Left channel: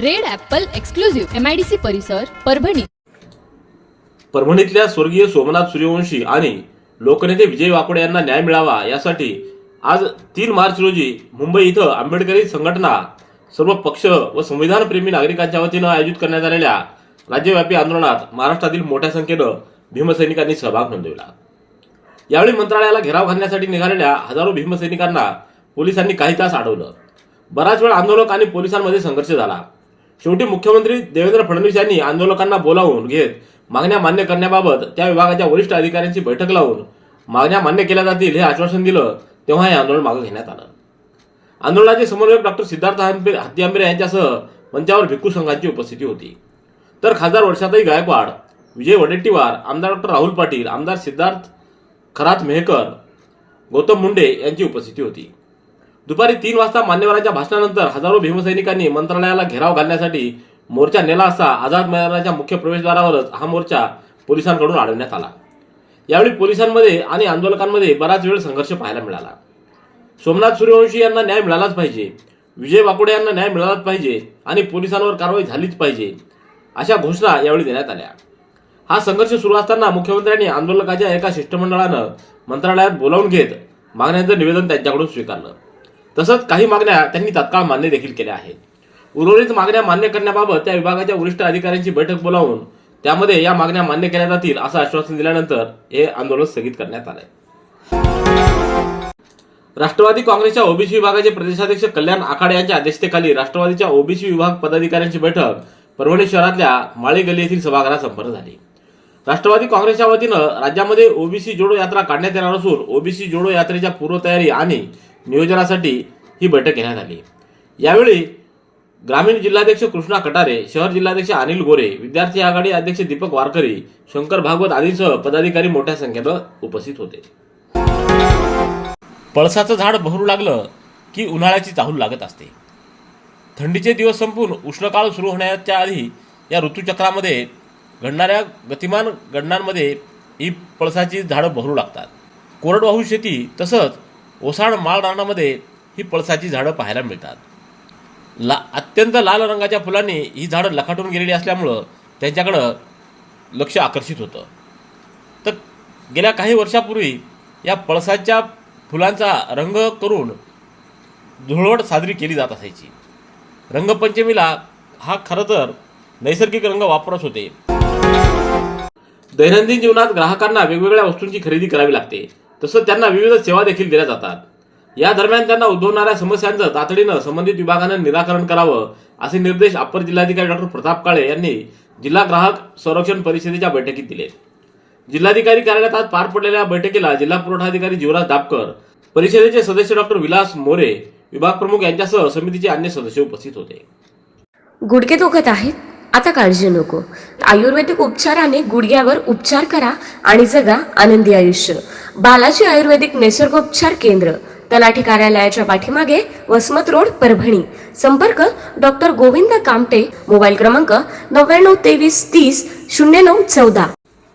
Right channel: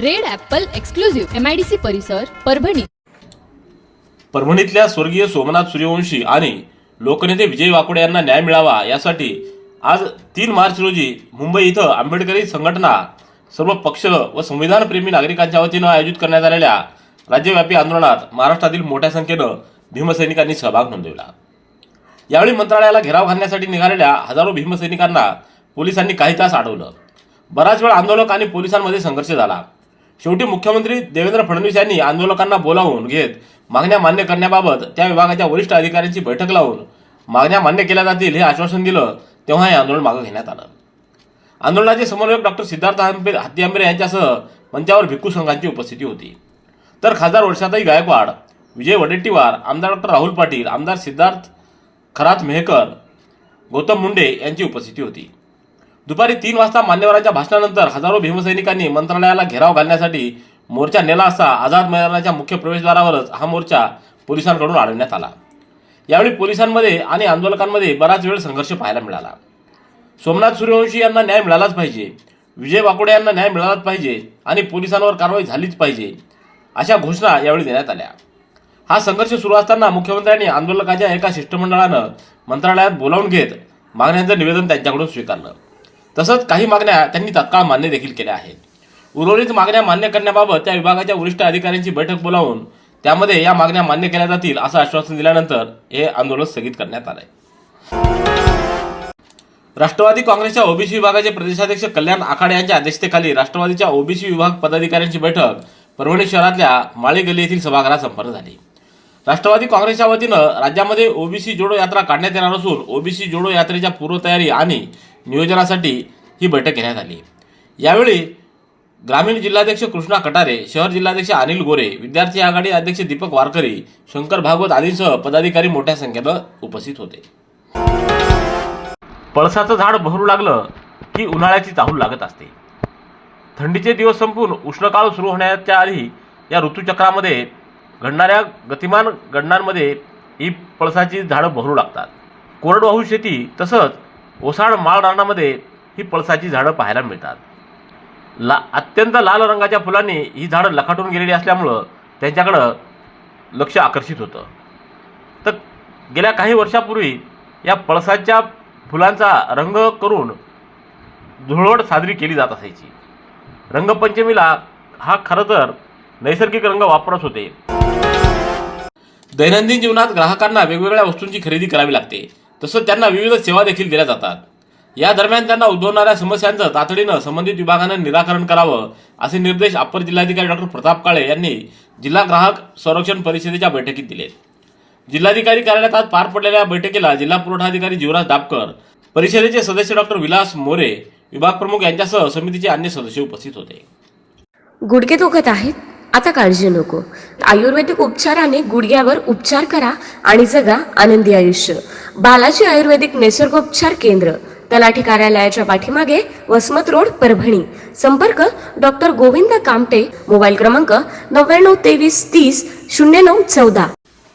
Red apple exclusive MIDC परिसर परभणी. परभणीतल्या स्वर्गीय सोमनाथ सूर्यवंशी आणि लोकनेते विजय वाकोडे यांना न्याय मिळावा यासाठी आज तीन मार्च रोजी मुंबई इथं आंबेडकरी संघटना सर्व पक्ष व संविधानप्रेमी नागरिकांच्या वतीनं आयोजित करण्यात आलेल्या राज्यव्यापी आंदोलनात महाराष्ट्रातील मोठ्या संख्येनं भीमसैनिकांनी सहभाग नोंदवला. यावेळी मंत्रालयाला घेराव घालण्यासाठी निघालेल्या हजारो भीमसैनिकांना पोलिसांनी काही तास अडवलं. बराच वेळ आंदोलक आणि पोलिसांमध्ये संघर्ष झाला. शेवटी मुख्यमंत्री देवेंद्र फडणवीस यांनी आंदोलकांना बोलावून घेत मागण्या मान्य करण्याबाबत त्या विभागाच्या वरिष्ठ अधिकाऱ्यांची बैठक लावून मागण्या मान्य केल्या जातील हे आश्वासन दिलं तेव्हा हे आंदोलन मागे घेण्यात आलं. आंदोलनाचे समन्वयक डॉक्टर सिद्धार्थ आंबे हत्ती आंबेरे यांच्यासह मंचावर भिक्खू संघांची उपस्थिती होती. तर खासदार वर्षाताई गायकवाड विजय वडेट्टीवार आमदार डॉक्टर राहुल पाटील आमदार सिद्धार्थ खरात मेहकर गौतम मुंडे यांची उपस्थिती होती. दुपारी तीन वाजता मान्यवरांच्या भाषणानंतर हजारो भीमसैनिकांनी मंत्रालयाला घेराव घालण्यासाठी मोर्चा नेला असता आझाद मैदानाच्या मुख्य प्रवेशद्वारावरच हा मोर्चा पोलिसांकडून अडवण्यात आला. यावेळी पोलिसांमध्ये आणि आंदोलकांमध्ये बराच वेळ संघर्ष पाहायला मिळाला. सोमनाथ सूर्यवंशी यांना न्याय मिळालाच पाहिजे विजय वाकोडे यांना न्याय मिळालाच पाहिजे आणि पोलिसांवर कारवाई झालीच पाहिजे अशा घोषणा यावेळी देण्यात आल्या. हा संघर्ष सुरू असताना मुख्यमंत्र्यांनी आंदोलकाच्या एका शिष्टमंडळानं मंत्रालयात बोलावून घेत मागण्यांचं निवेदन त्यांच्याकडून स्वीकारलं. तसंच काही मागण्या त्यांनी तत्काळ मान्य देखील केल्या आहेत. उर्वरित मागण्या मान्य करण्याबाबत त्या विभागाच्या वरिष्ठ अधिकाऱ्यांची बैठक बोलावून त्यामध्ये या मागण्या मान्य केल्या जातील असं आश्वासन दिल्यानंतर हे आंदोलन स्थगित करण्यात आलंय. राष्ट्रवादी काँग्रेसच्या ओबीसी विभागाचे प्रदेशाध्यक्ष कल्याण आखाडे यांच्या अध्यक्षतेखाली राष्ट्रवादीच्या ओबीसी विभाग पदाधिकाऱ्यांची बैठक परभणी शहरातल्या माळी गल्ली येथील सभागृहात संपन्न झाली. राष्ट्रवादी काँग्रेसच्या वतीनं राज्यामध्ये ओबीसी जोडो यात्रा काढण्यात येणार असून ओबीसी जोडो यात्रेच्या पूर्वतयारी आणि नियोजनासाठी ही बैठक घेण्यात आली. यावेळी ग्रामीण जिल्हाध्यक्ष कृष्णा कटारे शहर जिल्हाध्यक्ष अनिल गोरे विद्यार्थी आघाडी अध्यक्ष दीपक वारकरी शंकर भागवत आदींसह पदाधिकारी मोठ्या संख्येनं उपस्थित होते. पळसाचं झाड बहरू लागलं की उन्हाळ्याची चाहूल लागत असते. थंडीचे दिवस संपून उष्णकाळ सुरू होण्याच्या आधी या ऋतूचक्रामध्ये घडणाऱ्या गतिमान घडणांमध्ये ही पळसाची झाडं बहरू लागतात. कोरडवाहू शेती तसंच ओसाड माळ रानामध्ये ही पळसाची झाडं पाहायला मिळतात. ला अत्यंत लाल रंगाच्या फुलांनी ही झाडं लखाटून गेलेली असल्यामुळं त्यांच्याकडं लक्ष आकर्षित होतं. तर गेल्या काही वर्षापूर्वी या पळसाच्या फुलांचा रंग करून धुळवट साजरी केली जात असायची. रंगपंचमीला हा खरं तर नैसर्गिक रंग वापरत होते. दैनंदिन जीवनात ग्राहकांना वेगवेगळ्या वस्तूंची खरेदी करावी लागते. तसंच त्यांना विविध सेवा देखील दिल्या जातात. या दरम्यान त्यांना उद्भवणाऱ्या समस्यांचं तातडीनं संबंधित विभागानं निराकरण करावं असे निर्देश अप्पर जिल्हाधिकारी डॉक्टर प्रताप काळे यांनी जिल्हा ग्राहक संरक्षण परिषदेच्या बैठकीत दिले. जिल्हाधिकारी कार्यालयात आज पार पडलेल्या बैठकीला जिल्हा पुरवठा अधिकारी जीवराज दापकर परिषदेचे सदस्य डॉक्टर विलास मोरे विभाग प्रमुख यांच्यासह समितीचे अन्य सदस्य उपस्थित होते. गुडघे दुखत आहेत? आता काळजी नको. आयुर्वेदिक उपचाराने गुडघ्यावर उपचार करा आणि जगा आनंदी आयुष्य. बालाजी आयुर्वेदिक निसर्गोपचार केंद्र तलाठी कार्यालयाच्या पाठीमागे वसमत रोड परभणी. संपर्क डॉक्टर गोविंद कामटे मोबाईल क्रमांक नव्याण्णव तेवीस तीस शून्य नऊ चौदा.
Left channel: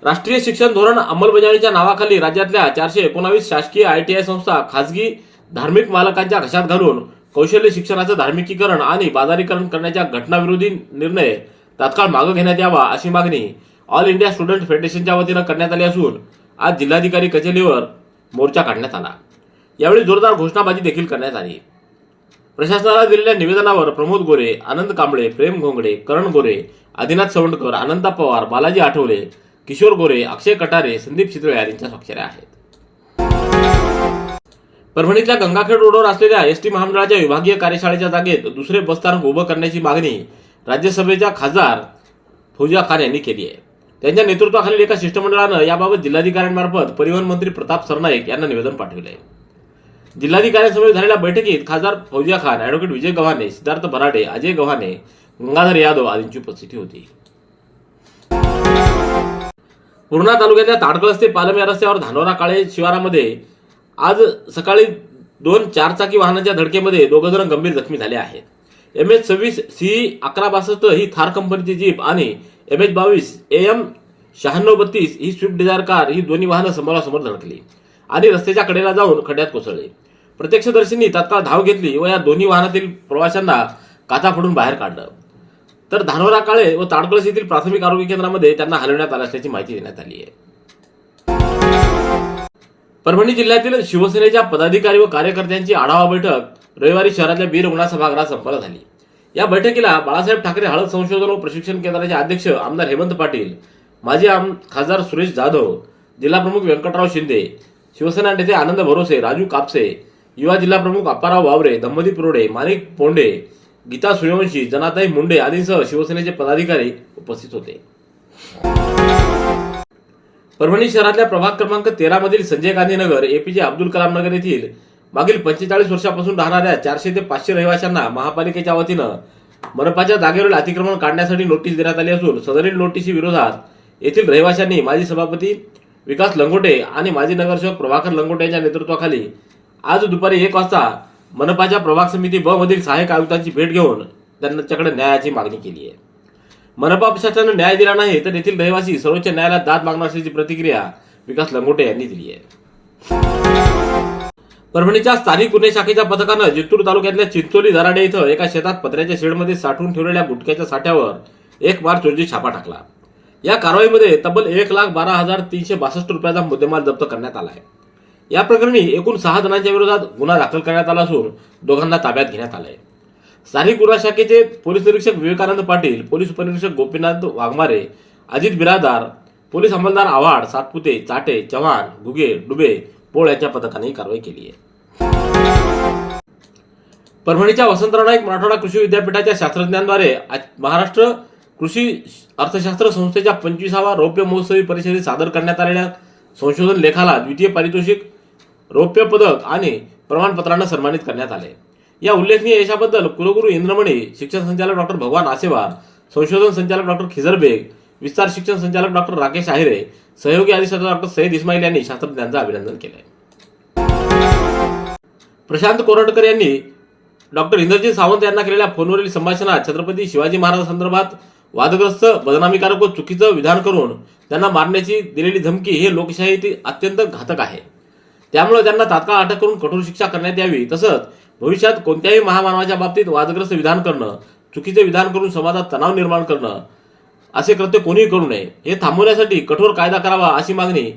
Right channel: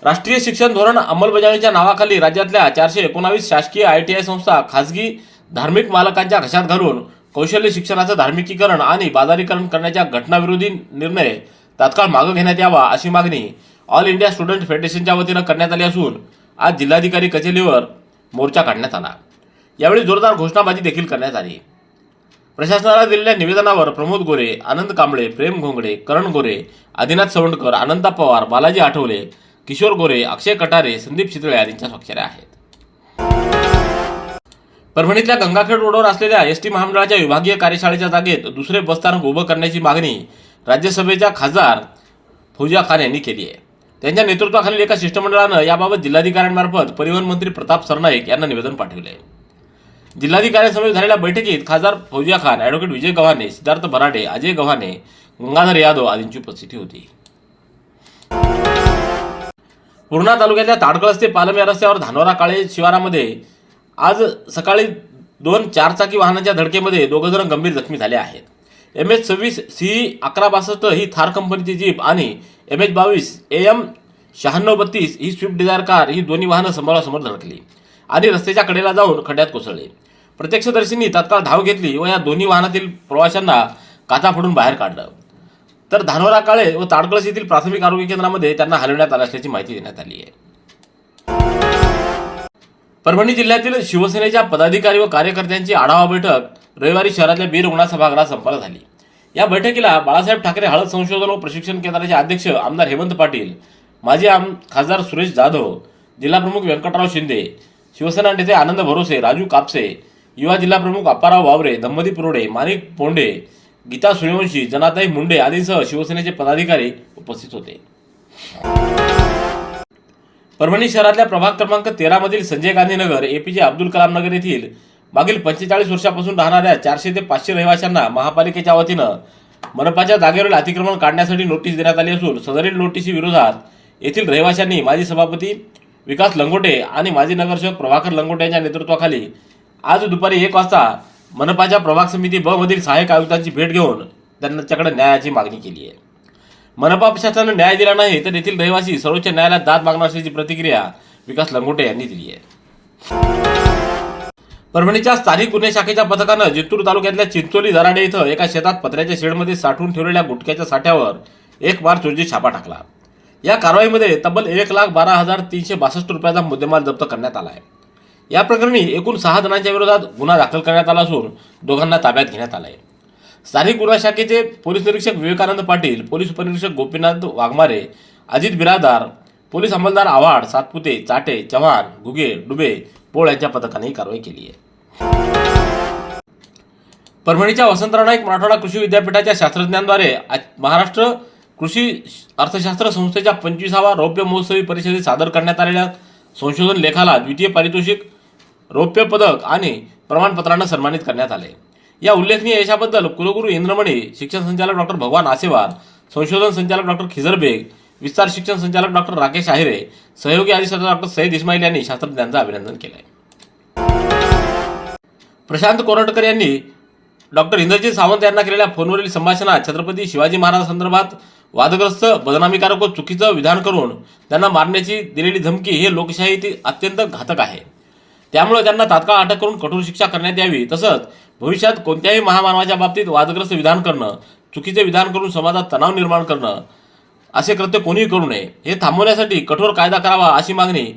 राष्ट्रीय शिक्षण धोरण अंमलबजावणीच्या नावाखाली राज्यातल्या चारशे एकोणावीस शासकीय आय टी आय संस्था खासगी धार्मिक मालकांच्या घशात घालून कौशल्य शिक्षणाचं धार्मिकीकरण आणि बाजारीकरण करण्याच्या घटनाविरोधी निर्णय तात्काळ मागं घेण्यात यावा अशी मागणी ऑल इंडिया स्टुडंट फेडरेशनच्या वतीनं करण्यात आली असून आज जिल्हाधिकारी कचेरीवर मोर्चा काढण्यात आला. यावेळी जोरदार घोषणाबाजी देखील करण्यात आली. प्रशासनाला दिलेल्या निवेदनावर प्रमोद गोरे आनंद कांबळे प्रेम घोंगडे करण गोरे आदिनाथ सवंडकर आनंदा पवार बालाजी आठवले किशोर गोरे अक्षय कटारे संदीप चितळे यांच्या स्वाक्षऱ्या आहेत. परभणीतल्या गंगाखेड रोडवर असलेल्या एस टी महामंडळाच्या विभागीय कार्यशाळेच्या जागेत दुसरे बसस्थानक उभं करण्याची मागणी राज्यसभेच्या खासदार फौजिया खान यांनी केली आहे. त्यांच्या नेतृत्वाखालील एका शिष्टमंडळानं याबाबत जिल्हाधिकाऱ्यांमार्फत परिवहन मंत्री प्रताप सरनाईक यांना निवेदन पाठविले आहे जिल्हाधिकाऱ्यांसमोर झालेल्या बैठकीत खासदार फौजिया खान ॲडव्होकेट विजय गव्हाणे सिद्धार्थ बराडे अजय गव्हाणे गंगाधर यादव आदींची उपस्थिती होती. पूर्णा तालुक्यातल्या ताडकळस ते पालम या रस्त्यावर धानोरा काळे शिवारामध्ये आज सकाळी दोन चारचाकी वाहनाच्या धडकेमध्ये दोघं जण गंभीर जखमी झाले आहेत. एम एच सव्वीस सी अकरा बासष्ट ही थार कंपनीची जीप आणि एम एच बावीस ए एम शहाण्णव बत्तीस ही स्विफ्ट डिझायर कार ही दोन्ही वाहनं समोरासमोर धडकली आणि रस्त्याच्या कडेला जाऊन खड्ड्यात कोसळले. प्रत्यक्षदर्शींनी तत्काळ धाव घेतली व या दोन्ही वाहनातील प्रवाशांना काचा फोडून बाहेर काढलं. तर धानोरा काळे व ताडकळस येथील प्राथमिक आरोग्य केंद्रामध्ये त्यांना हलवण्यात आलं असल्याची माहिती देण्यात आली आहे. परभणी जिल्ह्यातील शिवसेनेच्या पदाधिकारी व कार्यकर्त्यांची आढावा बैठक रविवारी शहरातल्या बी रुग्णा सभागृहात संपन्न झाली. या बैठकीला बाळासाहेब ठाकरे हळद संशोधन व प्रशिक्षण केंद्राचे अध्यक्ष आमदार हेमंत पाटील माजी आम खासदार सुरेश जाधव जिल्हाप्रमुख व्यंकटराव शिंदे शिवसेना नेते आनंद भरोसे राजू कापसे युवा जिल्हाप्रमुख अप्पाराव वावरे दंपती पुरोडे माणिक पोंडे गीता सूर्यवंशी जनाताई मुंडे आदींसह शिवसेनेचे पदाधिकारी उपस्थित होते. परभणी शहरातल्या प्रभाग क्रमांक तेरामधील संजय गांधी नगर एपीजे अब्दुल कलाम नगर येथील मागील पंचेचाळीस वर्षापासून राहणाऱ्या चारशे ते पाचशे रहिवाशांना महापालिकेच्या वतीनं मनपाच्या जागेवरील अतिक्रमण काढण्यासाठी नोटीस देण्यात आली असून सदरील नोटीसी विरोधात येथील रहिवाशांनी माजी सभापती विकास लंगोटे आणि माजी नगरसेवक प्रभाकर लंगोटे यांच्या नेतृत्वाखाली आज दुपारी एक वाजता मनपाच्या प्रभाग समिती ब मधील सहाय्यक आयुक्तांची भेट घेऊन त्यांच्याकडे न्यायाची मागणी केली आहे. मनपा प्रशासनाने न्याय दिला नाही तर येथील रहिवासी सर्वोच्च न्यायालयात दाद मागणार असल्याची प्रतिक्रिया विकास लंगोटे यांनी दिली आहे. परभणीच्या स्थानिक गुन्हे शाखेच्या पथकानं जिंतूर तालुक्यातल्या चिंचोली धराडे इथं एका शेतात पत्र्याच्या शेडमध्ये साठवून ठेवलेल्या गुटख्याच्या साठ्यावर एक मार्च रोजी छापा टाकला. या कारवाईमध्ये तब्बल एक लाख बारा हजार तीनशे बासष्ट रुपयाचा मुद्देमाल जप्त करण्यात आला आहे. या प्रकरणी एकूण सहा जणांच्या विरोधात गुन्हा दाखल करण्यात आला असून दोघांना ताब्यात घेण्यात आलं आहे स्थानिक गुन्हा शाखेचे पोलीस निरीक्षक विवेकानंद पाटील पोलीस उपनिरीक्षक गोपीनाथ वाघमारे अजित बिरादार पोलीस अंमलदार आव्हाड सातपुते चाटे चव्हाण घुगे डुबे पोळ्याच्या पथकाने ही कारवाई केली आहे. परभणीच्या वसंतराव नाईक मराठवाडा कृषी विद्यापीठाच्या शास्त्रज्ञांद्वारे महाराष्ट्र कृषी अर्थशास्त्र संस्थेच्या पंचवीसावा रौप्य महोत्सवी परिषदेत सादर करण्यात आलेल्या संशोधन लेखाला द्वितीय पारितोषिक रौप्य पदक आणि प्रमाणपत्रांना सन्मानित करण्यात आले. या उल्लेखनीय यशाबद्दल कुलगुरू इंद्रमणी शिक्षण संचालक डॉक्टर भगवान आसेवार संशोधन संचालक डॉक्टर खिजर बेग विस्तार शिक्षण संचालक डॉक्टर राकेश आहिरे सहयोगी अधिष्ठाता डॉक्टर सईद इस्माईल यांनी शास्त्रज्ञांचं अभिनंदन केलंय. प्रशांत कोरटकर यांनी डॉक्टर इंद्रजित सावंत यांना केलेल्या फोनवरील संभाषणात छत्रपती शिवाजी महाराजांसंदर्भात वादग्रस्त बदनामीकारक व चुकीचं विधान करून त्यांना मारण्याची दिलेली धमकी हे लोकशाही अत्यंत घातक आहे. त्यामुळे त्यांना तात्काळ अटक करून कठोर शिक्षा करण्यात यावी तसंच भविष्यात कोणत्याही महामानवाच्या बाबतीत वादग्रस्त विधान करणं चुकीचे विधान करून समाजात तणाव निर्माण करणं असे कृत्य कोणीही करू नये. हे थांबवण्यासाठी कठोर कायदा करावा अशी मागणी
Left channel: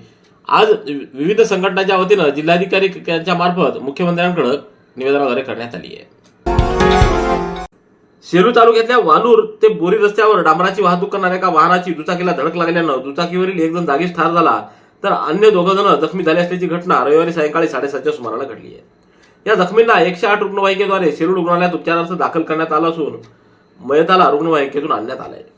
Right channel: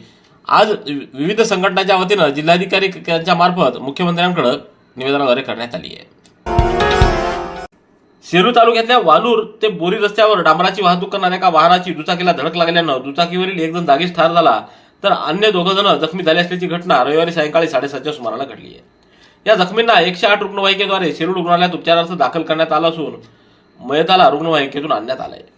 आज विविध संघटनांच्या वतीनं जिल्हाधिकारी यांच्या मार्फत मुख्यमंत्र्यांकडे निवेदनाद्वारे करण्यात आली आहे. शेरू तालुक्यातल्या वालूर ते बोरी रस्त्यावर डांबराची वाहतूक करणाऱ्या एका वाहनाची दुचाकीला धडक लागल्यानं दुचाकीवरील एक जण जागीच ठार झाला तर अन्य दोघं जण जखमी झाले असल्याची घटना रविवारी सायंकाळी साडेसातच्या सुमाराला घडली आहे. या जखमींना एकशे आठ रुग्णवाहिकेद्वारे शेरू रुग्णालयात उपचारार्थ दाखल करण्यात आला असून मयताला रुग्णवाहिकेतून आणण्यात आलं आहे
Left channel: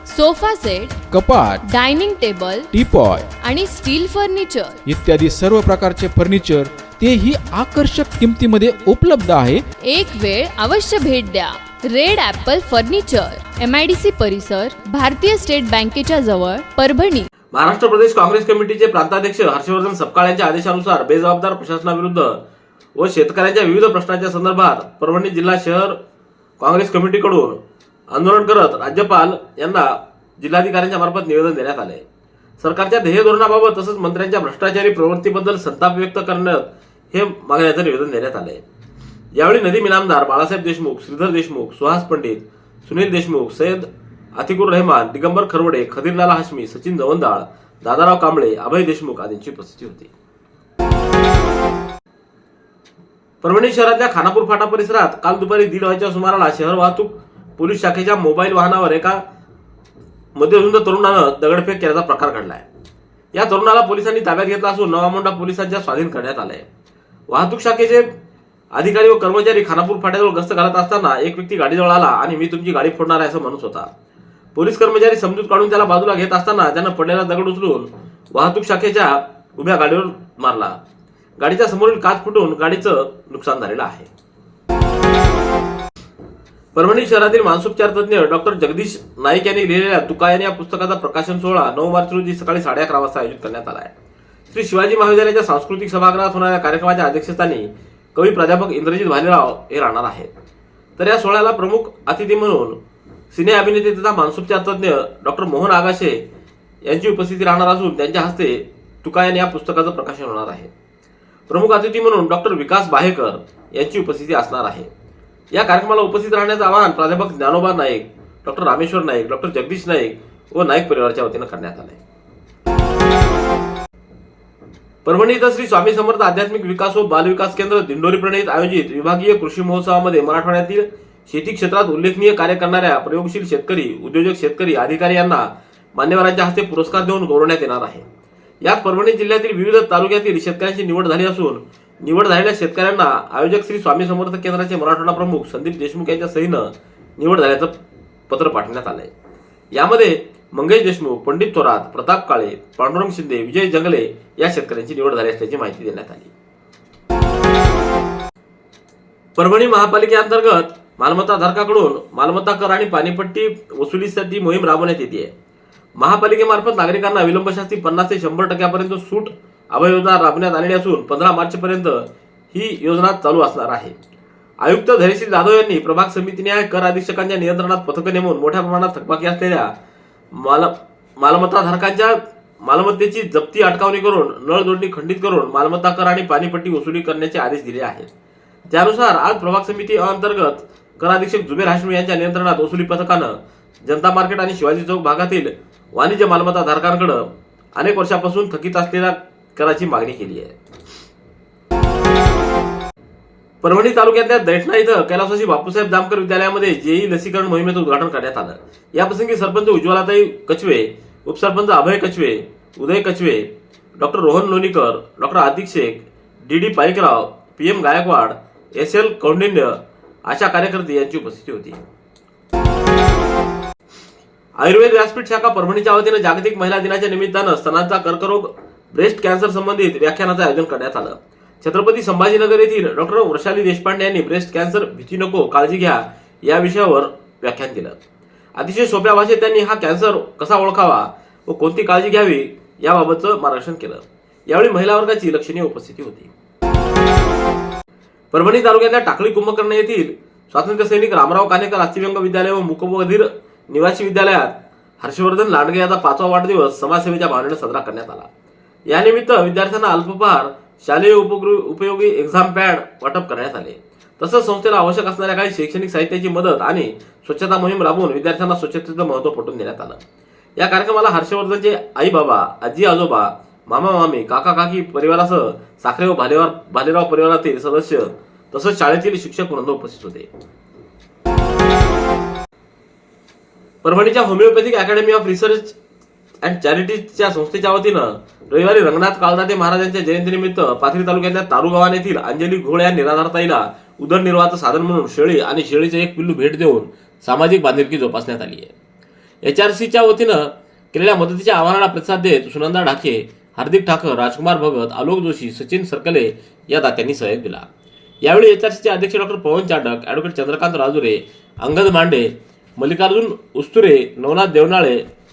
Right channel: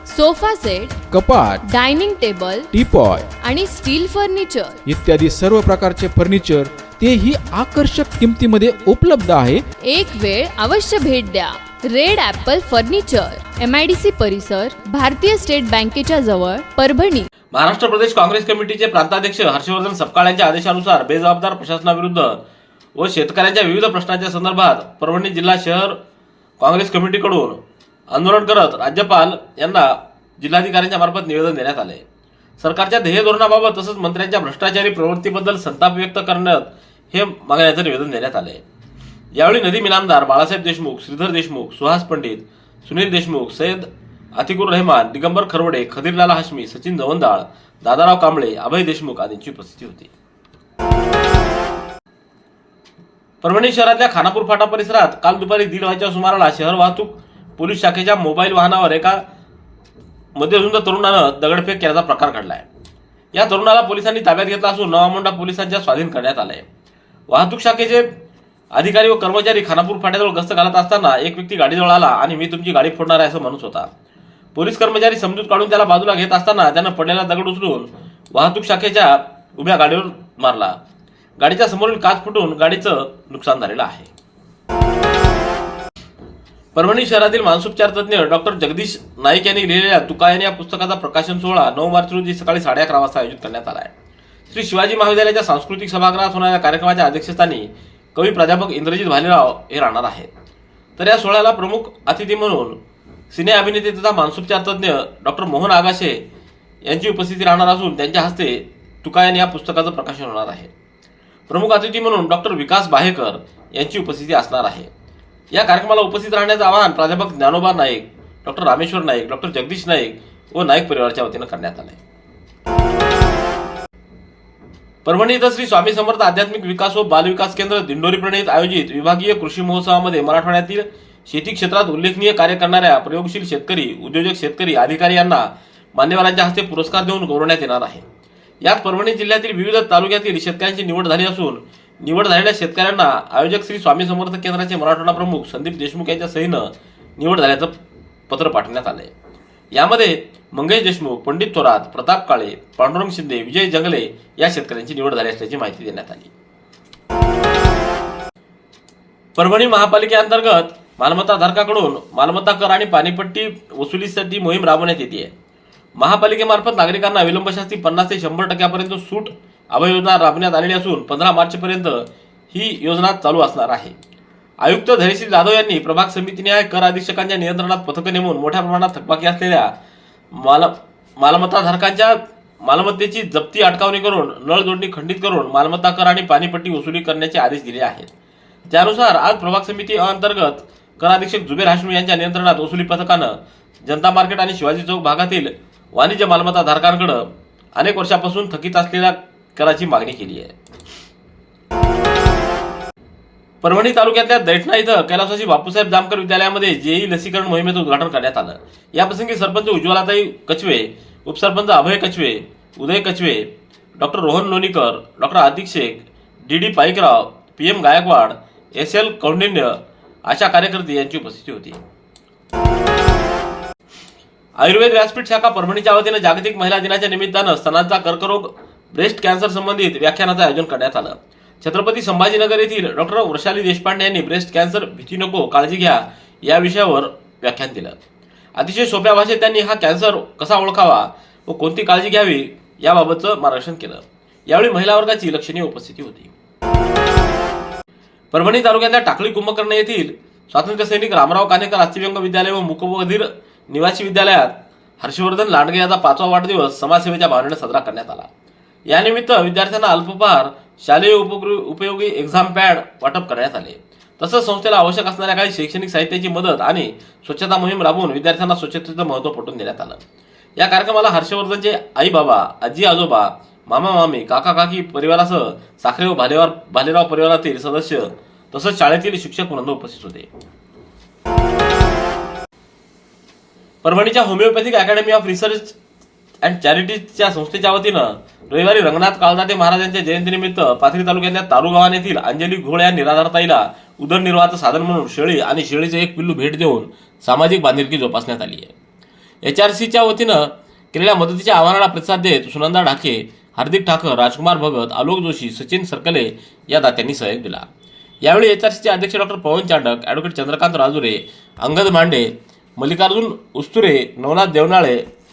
sofa set कपाट डायनिंग टेबल टीपॉय आणि स्टील फर्निचर. इत्यादी सर्व प्रकारचे फर्निचर तेही आकर्षक किमतीमध्ये उपलब्ध आहे. एक वेळ अवश्य भेट द्या. Red apple furniture M I D C परिसर भारतीय स्टेट बँकेच्या जवळ परभणी. महाराष्ट्र प्रदेश काँग्रेस कमिटीचे प्रांताध्यक्ष हर्षवर्धन सपकाळ यांच्या आदेशानुसार बेजबाबदार प्रशासनाविरुद्ध व शेतकऱ्यांच्या विविध प्रश्नांच्या संदर्भात परभणी जिल्हा शहर काँग्रेस कमिटीकडून आंदोलन करत राज्यपाल यांना जिल्हाधिकाऱ्यांच्या मार्फत निवेदन देण्यात आले. सरकारच्या ध्येय धोरणाबाबत तसंच मंत्र्यांच्या भ्रष्टाचारी प्रवृत्तीबद्दल संताप व्यक्त करण्यात हे मागण्याचं निवेदन देण्यात आले यावेळी नदीम इनामदार बाळासाहेब देशमुख श्रीधर देशमुख सुहास पंडित सुनील देशमुख सय्यद अतिकुर रहमान दिगंबर खरवडे खदीरलाला हाशमी सचिन जवंदाळ दादाराव कांबळे अभय देशमुख आदींची उपस्थिती होती. परभणी शहरातल्या खानापूर फाटा परिसरात काल दुपारी दीड वाजच्या सुमाराला शहर वाहतूक पोलीस शाखेच्या मोबाईल वाहनावर एका मध्यरुंद तरुणानं दगडफेक केल्याचा प्रकार घडला आहे या तरुणाला पोलिसांनी ताब्यात घेतला असून नवामोंडा पोलिसांच्या स्वाधीन करण्यात आलं आहे वाहतूक शाखेचे अधिकारी व कर्मचारी खानापूर फाट्याजवळ गस्त घालत असताना एक व्यक्ती गाडीजवळ आला आणि मी तुमची गाडी फोडणार आहे असं म्हणत होता. पोलीस कर्मचारी समजूत काढून त्याला बाजूला घेत असताना त्यानं पडलेला दगड उचलून वाहतूक शाखेच्या उभ्या गाडीवर मारला. गाडीच्या समोरील काच फुटून गाडीचं नुकसान झालेलं आहे. परभणी शहरातील मानसोपचार तज्ज्ञ डॉक्टर जगदीश नाईक यांनी लिहिलेल्या तुकायन या पुस्तकाचा प्रकाशन सोहळा नऊ मार्च रोजी सकाळी साडे अकरा वाजता आयोजित करण्यात आला आहे. श्री शिवाजी महाविद्यालयाच्या सांस्कृतिक सभागृहात होणाऱ्या कार्यक्रमाच्या अध्यक्षस्थानी कवी प्राध्यापक इंद्रजित भालेराव हे राहणार आहेत. तर या सोहळ्याला प्रमुख अतिथी म्हणून सिने अभिनेते तथा मानसोपचार तज्ज्ञ डॉक्टर मोहन आगाशे यांची उपस्थिती राहणार असून त्यांच्या हस्ते तुकायन या पुस्तकाचं प्रकाशन होणार आहे. प्रमुख अतिथी म्हणून डॉक्टर विकास बाहेकर यांची उपस्थिती असणार आहे. या कार्यक्रमाला उपस्थित राहण्याचं आवाहन प्राध्यापक ज्ञानोबा नाईक डॉक्टर रामेश्वर नाईक डॉक्टर जगदीश नाईक व नाईक परिवाराच्या वतीनं करण्यात आलंय. परभणी इथं श्री स्वामी समर्थ आध्यात्मिक विकास व बालविकास केंद्र दिंडोरी प्रणीत आयोजित विभागीय कृषी महोत्सवामध्ये मराठवाड्यातील शेती क्षेत्रात उल्लेखनीय कार्य करणाऱ्या प्रयोगशील शेतकरी उद्योजक शेतकरी अधिकारी यांना मान्यवरांच्या हस्ते पुरस्कार देऊन गौरवण्यात येणार आहे. यात परभणी जिल्ह्यातील विविध तालुक्यातील शेतकऱ्यांची निवड झाली असून निवड झालेल्या शेतकऱ्यांना आयोजक श्री स्वामी समर्थ केंद्राचे मराठवाडा प्रमुख संदीप देशमुख यांच्या सहीनं निवड झाल्याचं पत्र पाठवण्यात आलंय. यामध्ये मंगेश देशमुख पंडित थोरात प्रताप काळे पांडुरंग शिंदे विजय जंगले या शेतकऱ्यांची निवड झाली असल्याची माहिती देण्यात आली. परभणी महापालिकेअंतर्गत मालमत्ता धारकाकडून मालमत्ता कर आणि पाणीपट्टी वसुलीसाठी मोहीम राबवण्यात येते महापालिकेमार्फत नागरिकांना विलंबशास्ती पन्नास ते शंभर टक्क्यापर्यंत सूट अभय योजना राबवण्यात आलेली असून पंधरा मार्चपर्यंत ही योजना चालू असणार आहे. आयुक्त धैर्यशील जाधव यांनी प्रभाग समितीने कर अधीक्षकांच्या नियंत्रणात पथकं नेमून मोठ्या प्रमाणात थकबाकी असलेल्या माल मालमत्ताधारकांच्या मालमत्तेची जप्ती अटकावणी करून नळ जोडणी खंडित करून मालमत्ता कर आणि पाणीपट्टी वसुली करण्याचे आदेश दिले आहेत. त्यानुसार आज प्रभाग समिती अंतर्गत कर अधीक्षक जुबेर हाशमी यांच्या नियंत्रणात वसुली पथकानं जनता मार्केट आणि शिवाजी चौक भागातील वाणिज्य मालमत्ता धारकांकडे अनेक वर्षापासून थकीत असलेल्या कराची मागणी केली आहे. परभणी तालुक्यातल्या दैठणा इथं कैलासवासी बापूसाहेब जामकर विद्यालयामध्ये जेई लसीकरण मोहिमेचं उद्घाटन करण्यात आलं. याप्रसंगी सरपंच उज्ज्वलाताई कचवे उपसरपंच Abhay Kachve Uday Kachve doctor Rohan Lonikar doctor Adik Shaikh D D Paikrao P M Gaikwad S L Kaundinya अशा कार्यकर्ते यांची उपस्थिती होती. आयुर्वेद व्यासपीठ शाखा परभणीच्या वतीनं जागतिक महिला दिनाच्या निमित्तानं स्तनांचा कर्करोग ब्रेस्ट कॅन्सर संबंधित व्याख्यानाचं आयोजन करण्यात आलं. छत्रपती संभाजीनगर येथील डॉक्टर वृषाली देशपांडे यांनी ब्रेस्ट कॅन्सर भीती नको काळजी घ्या या विषयावर व्याख्यान दिलं. अतिशय सोप्या भाषेत त्यांनी हा कॅन्सर कसा ओळखावा व कोणती काळजी घ्यावी याबाबतचं मार्गदर्शन केलं. यावेळी महिला वर्गाची लक्षणीय उपस्थिती होती. परभणी तालुक्यातल्या टाकळी कुंभकर्ण येथील स्वातंत्र्य सैनिक रामराव कानेकर अस्थिव्यंग विद्यालय व मुकबधीर निवासी विद्यालयात हर्षवर्धन लांडगे याचा पाचवा वाढदिवस समाजसेवेच्या भावनेने साजरा करण्यात आला. यानिमित्त विद्यार्थ्यांना अल्पपहार शालेय उपगृह उपयोगी एक्झाम पॅड वाटप करण्यात आले. तसंच संस्थेला आवश्यक असणाऱ्या काही शैक्षणिक साहित्याची मदत आणि स्वच्छता मोहीम राबवून विद्यार्थ्यांना स्वच्छतेचं महत्त्व पटवून देण्यात आलं. या कार्यक्रमाला हर्षवर्धनचे आई बाबा आजी आजोबा मामा मामी काका काकी परिवारासह साखरे व भालेवार भालेराव परिवारातील सदस्य तसंच शाळेतील शिक्षक वृंद उपस्थित होते. परभणीच्या homeopathic academy of research and चॅरिटीजच्या संस्थेच्या वतीनं रविवारी रंगनाथ काळदाते महाराजांच्या जयंतीनिमित्त पाथरी तालुक्यातल्या तारुगावान येथील अंजली घोळ या निराधारताईला उदरनिर्वाहाचं साधन म्हणून शेळी आणि शेळीचं एक पिल्लू भेट देऊन सामाजिक बांधिलकी जोपासण्यात आली आहे. एच आर सीच्या वतीनं केलेल्या मदतीच्या आव्हानाला प्रतिसाद देत सुनंदा ढाके हार्दिक ठाकर राजकुमार भगत आलोक जोशी सचिन सरकले या दात्यांनी सहयोग दिला. यावेळी एच आर सीचे अध्यक्ष डॉक्टर पवन चांडक ॲडव्होकेट चंद्रकांत राजुरे अंगद मांडे मल्लिकार्जुन उस्तुरे नवनाथ देवनाळे